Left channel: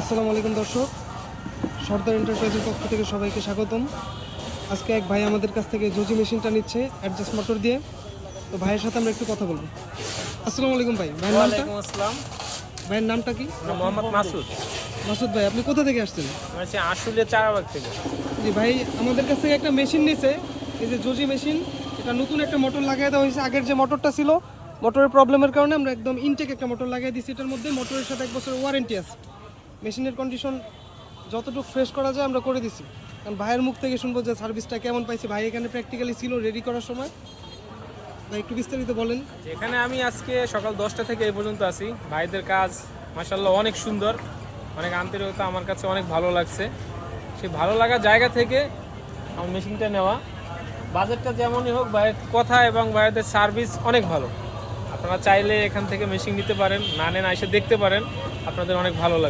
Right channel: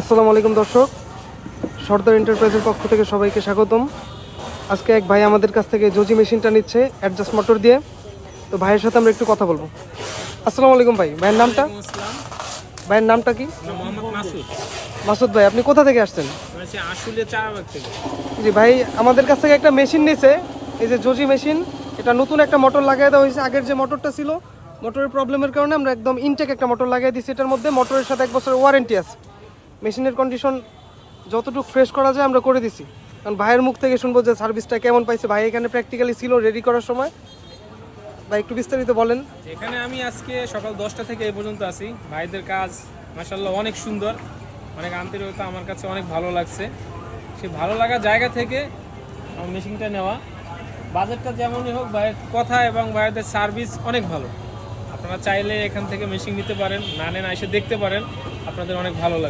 আসসালামু আলাইকুম দর্শক। সর্দার এন্টারপ্রাইজের পক্ষ থেকে সবাইকে স্বাগতম। আজকে এক ভাই আমাদের কাছ থেকে জজি মেশিনটা নিচ্ছে অ্যাডজাস্ট মোটর দিয়ে। তো ভাইয়ের সাথে আমরা একটু কথা বলব। আসসালামু আলাইকুম ভাই ভাইয়ের নামটা? ভাইয়ের নামটা কি? মোহাম্মদ মাসুদ। মাসুদ ভাই আপনি কোথা থেকে আসছেন? চারাবাগ থেকে। জি ভাই আমাদের কাছ থেকে একটা মেশিন নিয়েছে। এই যে জজি মেশিন এটা নতুন একটা মোটর লাগাই দেওয়া হয়েছে। আগের যে মোটরটা ছিল মোটরের প্রবলেমের কারণে আমরা একদম ইনটেক একটা মোটর লাগিয়ে দিচ্ছি এটার মধ্যে মোটরের সাথে এক বছরের ওয়ারেন্টি আছে। মেশিনের কন্ডিশন যতটুকু ফ্রেশ করা যায় আমরা করে দিছি। কারণ ভাইয়ের মুখ থেকে শুনব যে সার্ভিসটা কেমন পাইছে। ভাই এখানে প্র্যাকটিক্যালি ছিল রেডি করার সময়। ভাই একটু বিস্তারিত বলেন। এখানে আমি আজকে সকাল দশটা থেকে এই পর্যন্ত আছি। ভাইদের কাজ মাসাল্লাহ অনেক সুন্দর। অনেক আন্তরিকতা আমার কাছে অনেক ভালো লাগছে। সেই ভালো লাগার জায়গা থেকে আমার মেশিনটা নেওয়া। বাজেটটা যেমনই হোক, ভাইয়ের কথা এবং ভাইদের সার্ভিস অনেক ভালো। আপনারা চাইলে এখান থেকে মেশিন নিতে পারেন, না নেন, এসে দেখতে পারেন। আপনাদের অনেক ভালো লাগবে।